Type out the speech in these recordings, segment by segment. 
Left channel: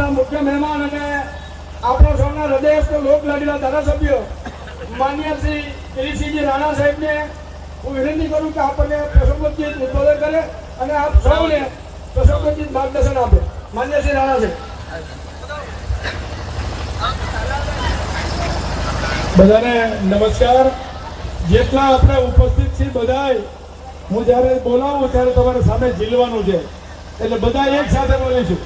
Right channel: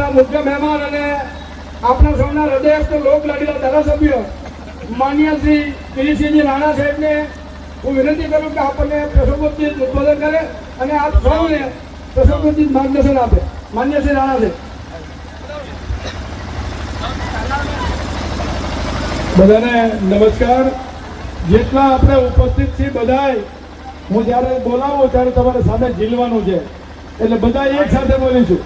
આપણા મુખ્ય મહેમાન અને આપણા સૌના હૃદયસ્થ લોક લાડીલા ધારાસભ્ય માન્ય શ્રી કિરીટસિંહજી રાણા સાહેબને હું વિનંતી કરું કે આપણને પ્રસંગોચિત ઉદ્બોધન કરે અને આપ સૌને પ્રસંગોચિત માર્ગદર્શન આપે. માન્ય શ્રી રાણા સાહેબ. બધાને નમસ્કાર. જેટલા આપણે ઉપસ્થિત છીએ બધાય, હું જ્યારે બોલાવું ત્યારે તમારે સામે ઝીલવાનું છે, એટલે બધા એક સાથે બોલીશું.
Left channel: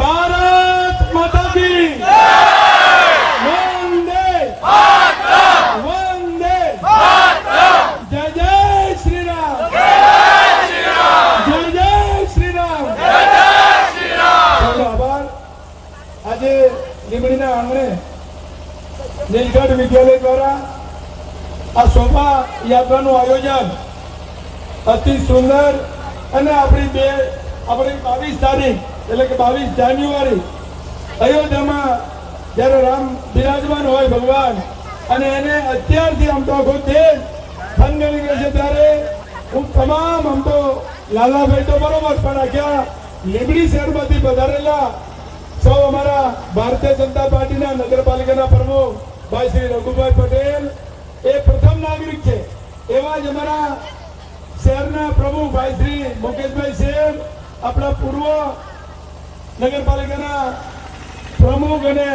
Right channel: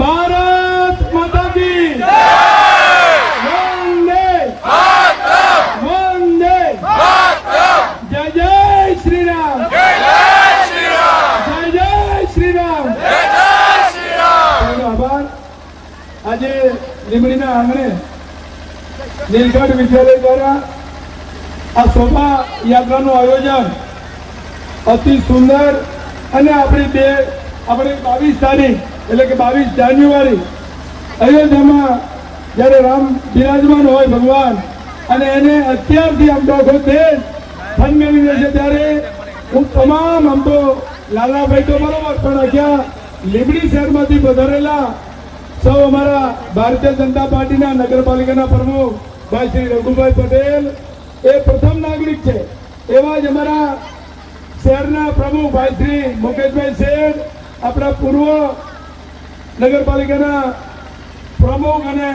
ભારત માતા કી જય! વંદે વંદે જય જય શ્રી રામ, જય જય શ્રી રામ. આભાર. આજે લીંબડીના આંગણે નીલકંઠ વિદ્યાલય દ્વારા આ શોભા યાત્રાનું આયોજન અતિ સુંદર અને આપણે 22 તારીખ એટલે કે 22 જાન્યુઆરી અયોધ્યામાં જ્યારે રામ બિરાજમાન હોય ભગવાન, અને એને અત્યારથી આમ તો આખો દેશ ફનગણી રહેશે, ત્યારે હું તમામ આમ તો લાલાભાઈ તો બરોબર, પણ આખા લીંબડી શહેરમાંથી પધારેલા સૌ અમારા ભારતીય જનતા પાર્ટીના નગરપાલિકાના પ્રમુખ ભાઈ શ્રી રઘુભાઈ પટેલ એ પ્રથમ નાગરિક છે, એવા જ અમારા શહેરના પ્રમુખ ભાઈ શ્રી મુકેશભાઈ શેર, આપણા પૂર્વ નગરપાલિકાના પ્રમુખ અને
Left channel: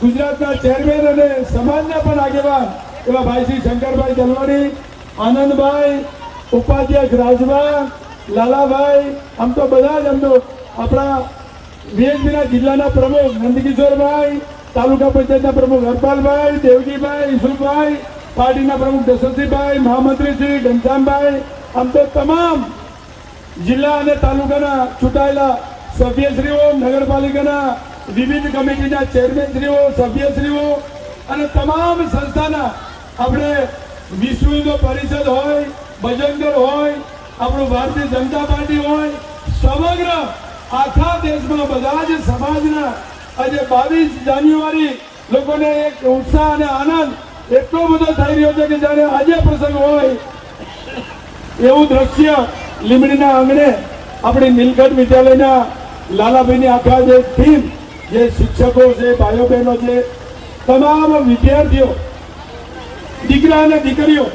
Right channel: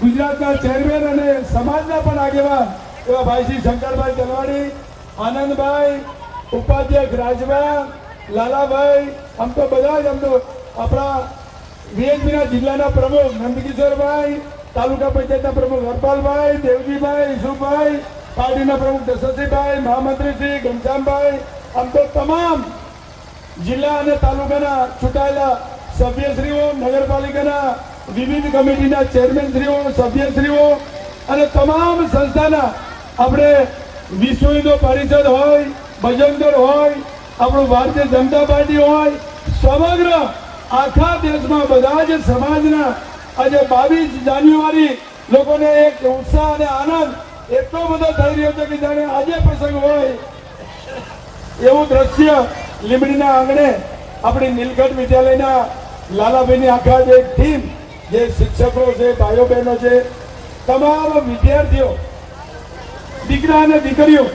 ગુજરાતના ચેરમેન અને સમાજના પણ આગેવાન એવા ભાઈ શ્રી શંકરભાઈ તલવાડી, આનંદભાઈ, ઉપાધ્યક્ષ રાજભા, લાલાભાઈ, આમ તો બધા જ આમ તો આપણા વીએચપીના જિલ્લાના પ્રમુખ નંદકિશોરભાઈ, તાલુકા પંચાયતના પ્રમુખ હરપાલભાઈ, દેવજીભાઈ, ઈશુભાઈ, પાર્ટીના પ્રમુખ દશરથસિંહભાઈ, મહામંત્રી શ્રી ઘનશ્યામભાઈ, આમ તો તમામ જિલ્લા અને તાલુકાના ચૂંટાયેલા સભ્યશ્રીઓ, નગરપાલિકાના વિવિધ કમિટીના ચેરમેનશ્રીઓ, સભ્યશ્રીઓ અને તમામ સંસ્થાના, આપણે વિશ્વ હિન્દુ પરિષદ હોય, ભજનદળ હોય, આપણું ભારતીય જનતા પાર્ટી હોય, સમગ્ર આખા દેશમાં બધા જ સમાજના આજે 22 જાન્યુઆરી લોકોને એક ઉત્સાહ અને આનંદ એટલો બધો થઈ રહ્યો છે કે જાણે આજે પ્રસંગ હોય એવું દ્રશ્ય લીંબડીના આંગણે આપણી નીલકંઠ વિદ્યાલયના લાલાભાઈની આખા જે ટીમ, જે શિક્ષકો છે, ભાઈઓ બહેનો છે, તમામ વિદ્યાર્થીઓ, દીકરા અને દીકરીઓ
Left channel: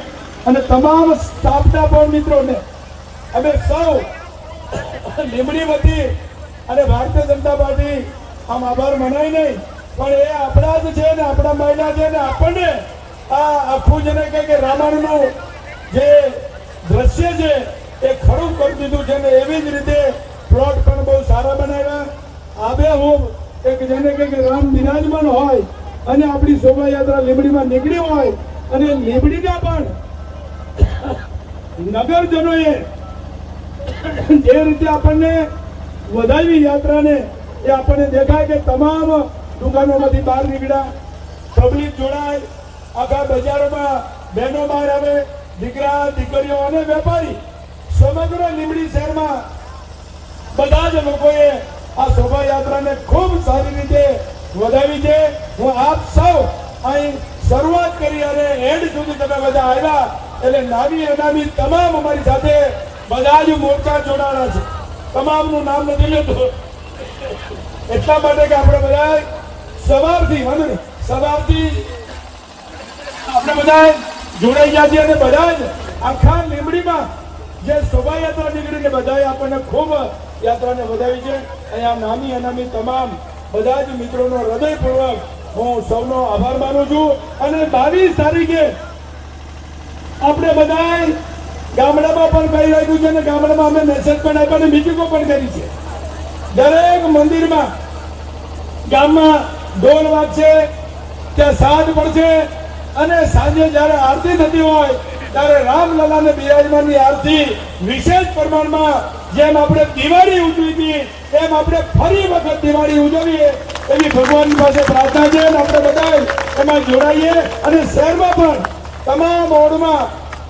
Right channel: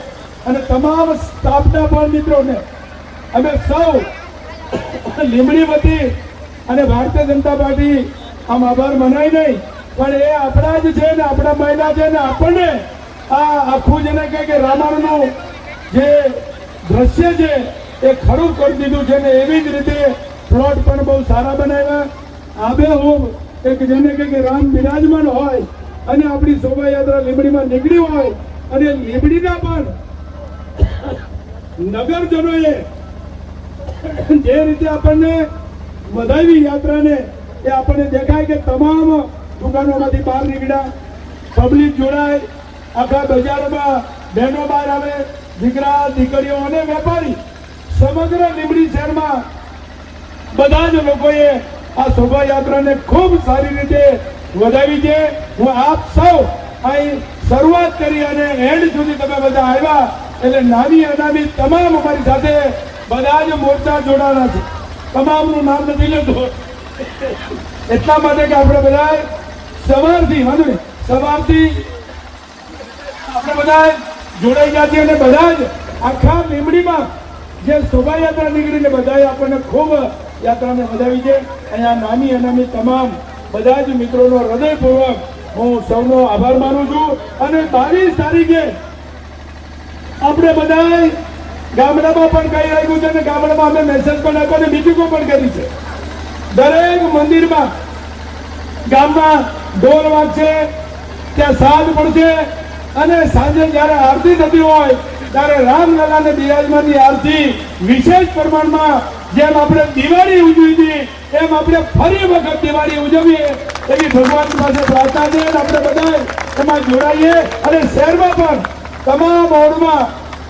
અને તમામ સ્ટાફના પણ મિત્રોને અમે સૌ લીંબડી વતી અને ભારતીય જનતા પાર્ટી આમ આભાર મનાય નહીં, પણ એ આપણા જ છે ને, આપણા મહિલા છે ને, આપણને આ આખું જેને કે રામાયણનું જે દ્રશ્ય છે એ ખરું કરી દીધું છે ને, એવી જ રીતે પ્લોટ પણ બહુ સારા બનાવ્યા. આબેહૂબ એક જેને કે રામ બિરાજમાન હોય અને આપણી શોભાયાત્રા લીંબડીમાં નીકળી હોય અને લીંબડીના પણ નગરજનોએ જે રીતે આપણને વધાવી યાત્રાને, એ આપણને દેખાય કે તમામ દુકાનોમાંથી બહાર નીકળ્યા, પબ્લિક જોડાય, આખા બજારોમાં બહેનો બહાર આવે, દીકરા દીકરીઓ અને વેપારી, સમગ્ર લીંબડી શહેરમાં બધા જ લોકોએ આ શોભાયાત્રાને ખૂબ સારી રીતે વધાવી છે. હું આપ સૌ અહીં શરૂઆત કરી અને એન્ડ સુધી તમે બધા આવ્યા, એટલે નાની અનામી તમામ અમારી સાથે બધા જ મોરચા જોડાણા છે. તમામનું નામ નથી લેતું એટલા માટે કે આપણે બધા સવારથી આપણે બધા જોડાઈ ગયા છીએ અને બધા જ આખા લીંબડીમાં જે શોભાયાત્રા નીકળીને બધાએ આપણને ખૂબ યાત્રાને વધાવી છે. અહીંયા નાની અનામી તમામ બધા જ મિત્રોનો હૃદયપૂર્વક હું સૌનો આભાર માનું છું. અને 22 તારીખે આપણે બધા ગામડામાં પણ કહી રાખ્યું છે અને ગામડામાં અમે મેસેજ પણ આપ્યા, મિટિંગો પણ કરી છે. દરેક મંદિરમાં ગામમાં ઢોલ વાગશે, ત્યાં સાદ પડશે અને સાંજે જયારે આરતી થતી હોય ત્યારે રામલલાને બિરાજમાનની આરતી વિશેષ પ્રમાણમાં, જેમ આપણે દિવાળી ઉજવી હતી એમ આપણે ફરી વખત દિવાળી ઉજવીએ એવી ભગવાનની પાસે પ્રાર્થના છે. આપણે બધા એમાં જોડાઈએ અને શહેરમાં પણ તમામ વોર્ડમાં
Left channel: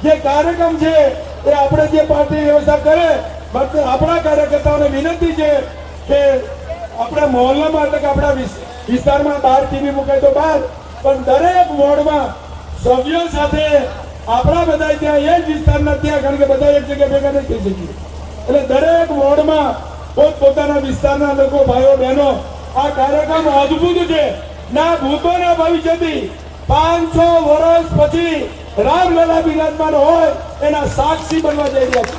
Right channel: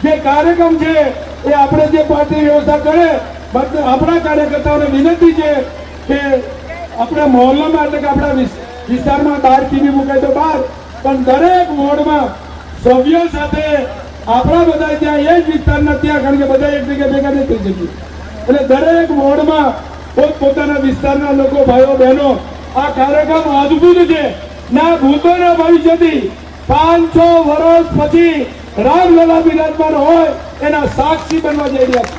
જે કાર્યક્રમ છે એ આપણે જે પાર્ટી વ્યવસ્થા કરે, આપણા કાર્યકર્તાઓને વિનંતી છે કે આપણા મહોલ્લામાં એટલે કે આપણા વિસ્તારમાં બહાર ટીવી મૂકે તો બહાર, પણ દરેક વોર્ડમાં સભ્યો સાથે આપણા બધા ત્યાં એક વિસ્તારના ત્યાં, કારણ કે બધા એક જગ્યાએ ભેગા નથી થઈ શકીએ, એટલે દરેક વોર્ડમાં પોતપોતાના વિસ્તારના લોકો, ભાઈઓ બહેનો આ કાર્યક્રમ અદભુત છે. ના ભૂતોના ભવિષ્યથી 500 વર્ષ પછી રામલલા બિરાજમાન હોય એના સાક્ષી બનવા જઈ રહ્યા છે.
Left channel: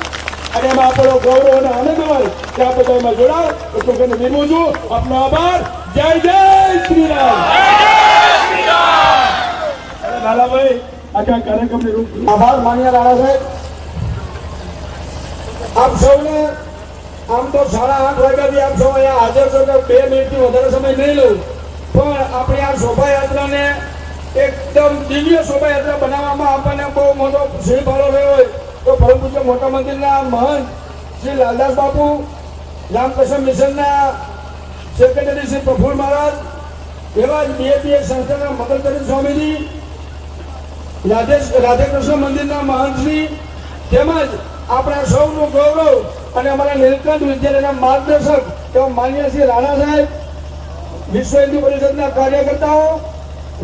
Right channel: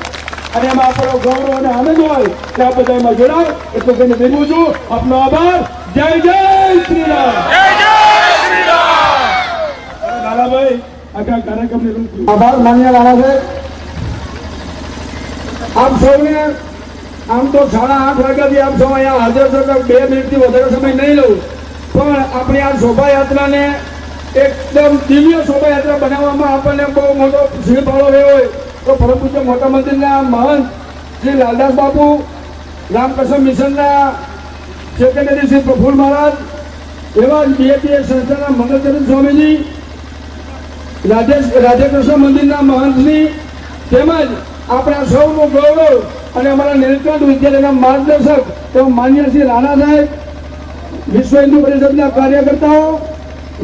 અને એમાં આપણો ગૌરવ અને આનંદ હોય કે આ બધા એમાં જોડાય. એટલે તેને વિનવું છું. આપનો આભાર. જય જય શ્રી રામ. લાલાભાઈ આખા કાર્યક્રમની રૂપ આભાર માનીય રાણા સાહેબ. આપ સૌને આમ તો 8:30 વાગ્યાથી આપ સૌ અહીંયા હાજર છો. 2 મિનિટથી વધારે સમય નહીં લઉં, પણ આપણી આ શોભાયાત્રાને એકદમ દિવ્ય શોભાયાત્રા બનાવવામાં આપણને બહુ મોટો સિંહ ફાળો રહ્યો હોય તો પરમ પૂજ્ય મોટા મંદિરના મહંત શ્રી લાલદાસ બાપુ, રામકૃષ્ણ મિશનના સેક્રેટરી શ્રી પ્રફુલ્લ મહારાજ, એવા બીએપીએ સંસ્થાના મદદરૂપ સ્વામીજી, રાધેકૃષ્ણ મંદિરના મહંતશ્રી, તેમજ આપણા સૌનું ગૌરવ અને અમારા નીલકંઠ વિદ્યાલયના માર્ગદર્શક એવા માન્ય શ્રી રાણા સાહેબ, વિશ્વ હિન્દુ પરિષદના કાર્યકર્તાઓ,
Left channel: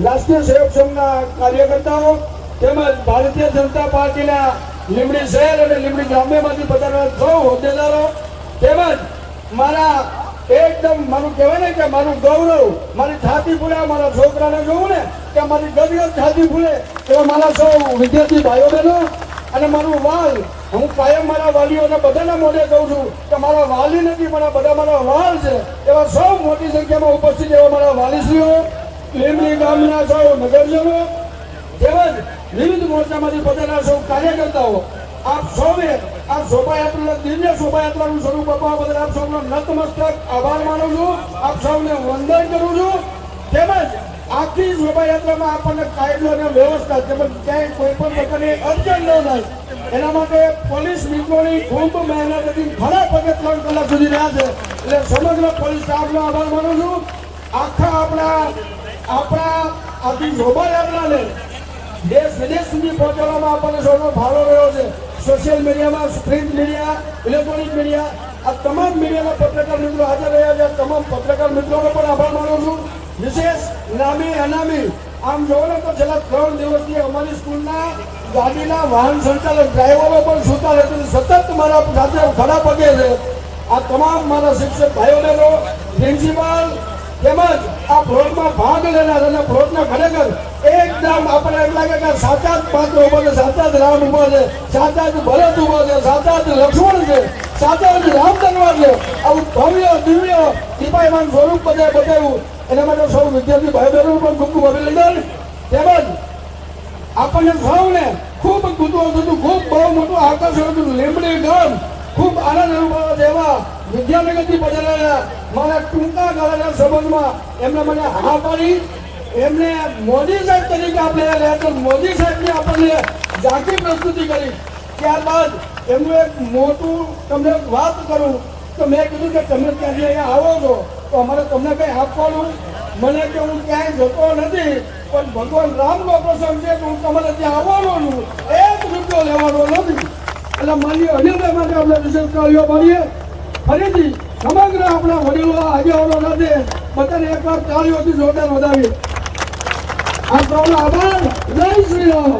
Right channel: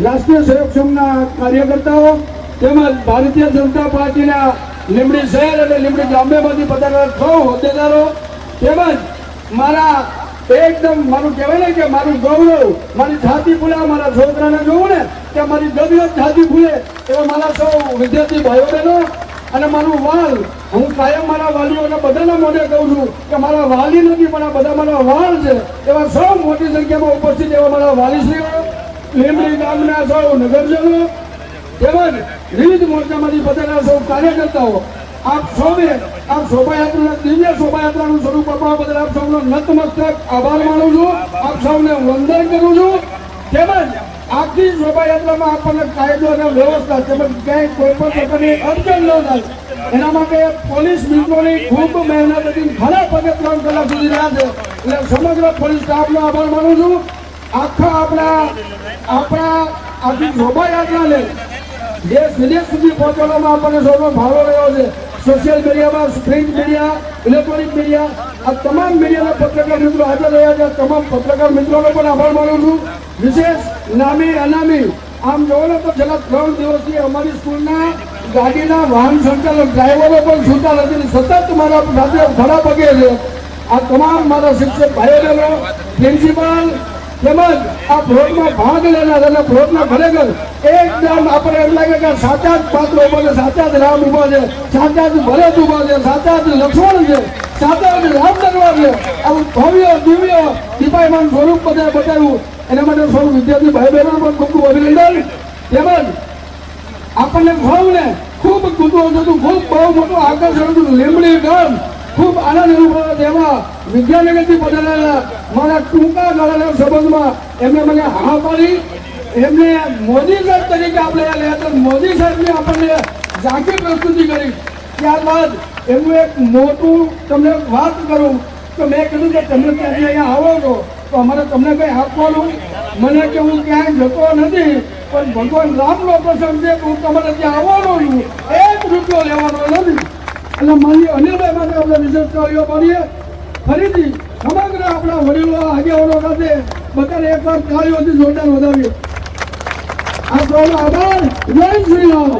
રાષ્ટ્રીય સેવક સંઘના કાર્યકર્તાઓ, તેમજ ભારતીય જનતા પાર્ટીના લીંબડી શહેર અને લીંબડી ગ્રામ્યમાંથી પધારેલા સૌ હોદ્દેદારો, તેમજ મારા એકદમ મારું કહેવાય ને કે મારું ગૌરવ, મારી છાતી ફૂલે, મારા છોકરાને જોઉં ને કે મારી ગભીર છાતી ફૂલે એવા મારા સૌ વિદ્યાર્થી ભાઈઓ બહેનો અને મારું વાલ, હું કાયમ મારા વાલીઓને બધાના મોઢે કહું છું કે મારા વાલી નથી પણ આ બધા મારા વાલ છે. એવા સૌ મોટી સંખ્યામાં ઉપસ્થિત એવા મારા વાલીશ્રીઓ, લીંબડી ગામના સૌ નગરજનો, તેમજ વિવિધ મોરચામાંથી પધારેલા સૌ કાર્યકર્તાઓ, આપ સૌને આ શોભાયાત્રાના દિવ્ય શોભાયાત્રાનું સ્વરૂપ આપવા બદલ આપ સૌનો નતમસ્તક આભાર માનું છું. આપ સૌને વંદન કરું છું. તેમજ આખી શોભાયાત્રામાં આપણને કાયદો અને વ્યવસ્થા તેમજ ક્યાંય કોઈ પણ પ્રકારની અડચણ ન થાય એના માટે પોલીસ મિત્રોની ખૂબ મહેનત હતી. ઘણા પગે 3 કલાક સુધી રહ્યા છે. એટલે સમગ્ર પોલીસ સ્ટાફનો આભાર માનું છું. આખા આપણા આખી શોભાયાત્રાને દેશ વિદેશ સુધી પહોંચાડવામાં આપણને સૌનો ફાળો રહ્યો છે. સોશિયલ મીડિયામાં, પ્રિન્ટ મીડિયા, ઇલેક્ટ્રોનિક મીડિયા, આ તમામ મીડિયાના પત્રકાર મિત્રો હાજર રહ્યા છે. તમામ પત્રકાર મિત્રોનો પણ આભાર માનું છું. વિશેષ નામી અનામી આમ જોવો તો છેલ્લા 3 દિવસથી અમારી સ્કૂલના ગાડીના વાહન સંચાલક ડ્રાઈવરો પણ સુતા નથી, સતત મારા સાથે ખડા પગે છે. આ તમામ મારા શિક્ષક ભાઈઓ બહેનો, પ્રિન્સિપાલ તેમજ આ પ્લોટમાં ભાગ લેનાર અને પ્લોટમાં ખરેખર એકદમ આપણે એમ લાગે કે સાચા જ પાત્રો ઉભા છે, સાચા જ રામ ઉભા છે, સાચા જ ભરત ઉભા છે, સાચા જ લક્ષ્મણ છે, સાચા જ રામ દરબાર છે. આવું ભવ્ય દિવ્ય દીપાયમાન સ્વરૂપ બતાવ્યું એના માટે સૌ વિદ્યાર્થી ભાઈ બહેનો પણ ખૂબ ખૂબ અભિનંદન. તેમજ આપણને સૌને ખૂબ કુતૂહલ હતું, ખૂબ બહુ મોટું આકર્ષણ હતું. લીંબડી ગામ ખૂબ આનંદ અનુભવે તેવા વિદ્યાનગરથી પધારેલા મારા ટૂંકા ગાળાના સંબંધમાં એમને મને હા પાડી. એમને મોદી સાહેબ તરીકે આપણે રહ્યા હતા. મોદી સાહેબની આપણને ઝાંકી પ્રસ્તુતિ કરી. ત્યારબાદ એમનું એક મોટું તમને વાત કરું તો મેં કીધું કે તમે ત્યાંથી અહીંયા આવો છો તો અમારે તમને કંઈ આપવાનું, મને કે હું ક્યાંય જતો નથી પણ ભગવાન રામનો પ્રસંગ છે તો હું તમારે ત્યાં આવવાનો છું, 1 રૂપિયો લેવાનો નથી. એટલે માન્ય અનિલભાઈ માટે આપણે વિશેષ કાર્યો કરીએ. ફરીથી સમગ્ર આપણા વડીલો આગેવાનો સાથે બધાને એકવાર તાળીઓથી જોરદાર વધાવીએ. આ સૌનો આભાર. જય શ્રી રામ.